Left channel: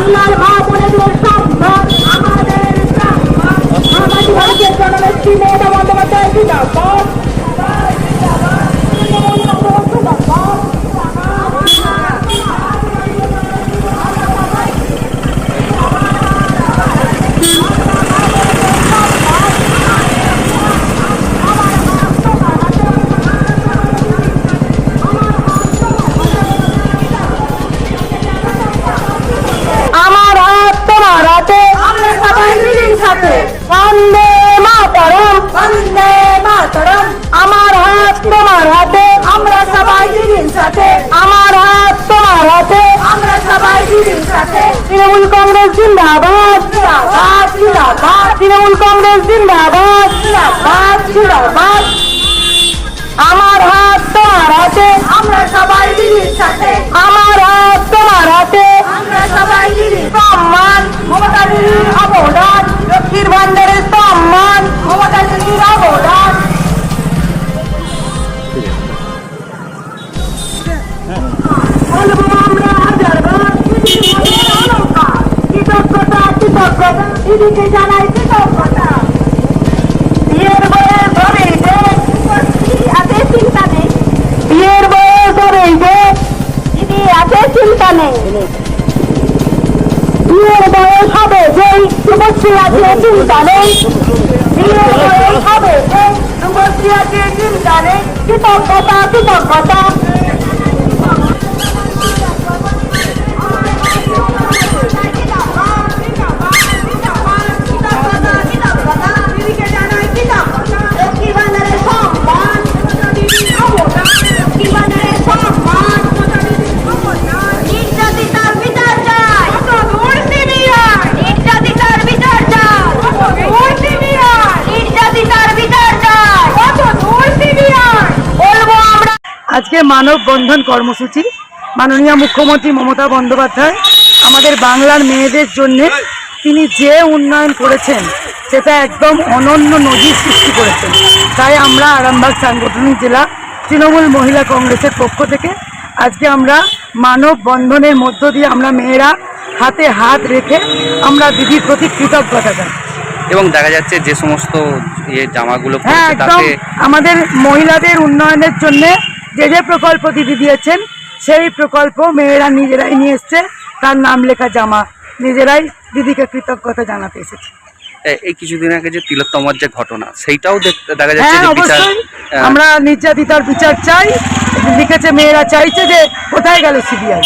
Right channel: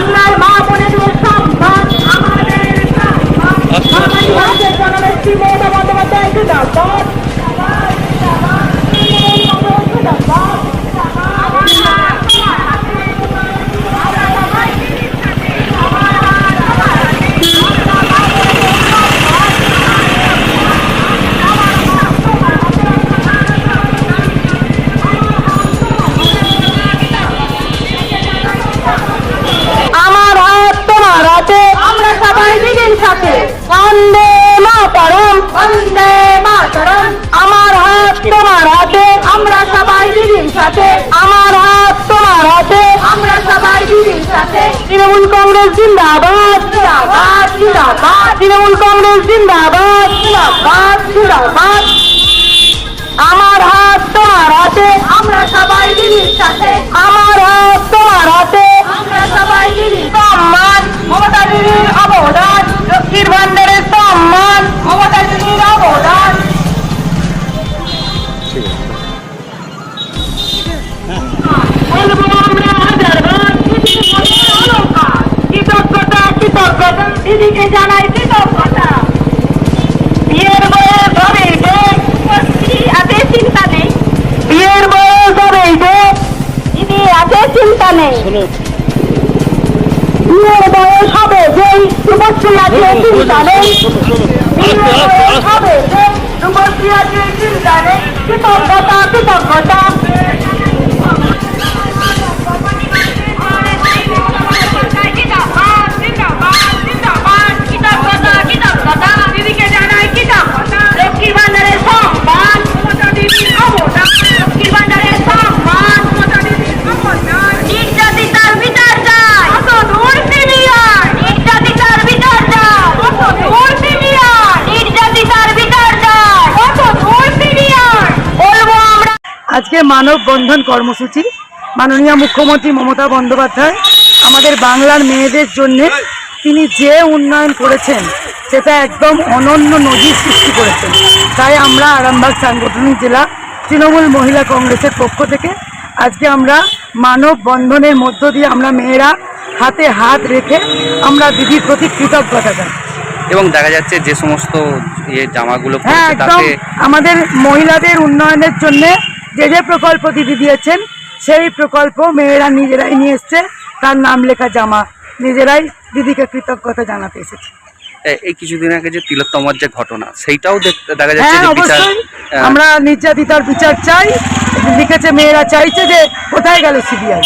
বাংলার মা বোনেদের বন্দে মাতরম। আমার হাত তোমার হাতে আমরা সবাই দিদির সাথে। আমার হাত তোমার হাতে আমরা সবাই দিদির সাথে। তৃণমূল কংগ্রেস জিন্দাবাদ। জিন্দাবাদ জিন্দাবাদ। তৃণমূল কংগ্রেস জিন্দাবাদ। জিন্দাবাদ জিন্দাবাদ। আমার হাত তোমার হাতে আমরা সবাই দিদির সাথে। আমার হাতে কৃতজ্ঞতা দিদিকে জানাই কৃতজ্ঞতা বিয়ের বয়স হবেই যে আছে চিন্তা নেই বিয়ের বয়স হবেই যে দিদি আছে চিন্তা আজকে মানব বন্ধন কর্মসূচি। মাননীয় মুখ্যমন্ত্রী মমতা বন্দ্যোপাধ্যায় আমাদের বাংলার মেয়েদের জন্য তিনি যে উন্নয়ন করেছেন সেটা একদম অনন্য নজির সৃষ্টি করেছেন। তাই আমরা আরামবাগ সাংগঠনিক জেলা তৃণমূল মহিলা কংগ্রেসের পক্ষ থেকে আজকে আমরা মানব বন্ধনের মধ্য দিয়ে আমরা মেয়েরা হাতে হাত রেখে আমরা দিদির প্রতি কৃতজ্ঞতা জানাই। এবং দেখা যাচ্ছে যে সমস্ত ইয়ে জামাগুলো হ্যাঁ একদম আমাদের মহিলাদের উন্নয়নের জন্য যে যে প্রকল্প দিদি দিয়েছেন সেই প্রকল্প মেয়েরা নিজেরাই নিয়ে এসছে। তার নাম লেখা জামা। নিজেরাই দিদিকে কৃতজ্ঞতা জানাতে এসেছে। এই কিছুদিন আগে যে তিলোত্তমার যে ঘটনা সেইটাও দেখতে দেখা যাচ্ছে হ্যাঁ অবশ্যই। আমরা নির্যাতিতার বিচার চাই। লিখেছে মেয়েরা চাইছে যে কোথায় গেল সিবিআই?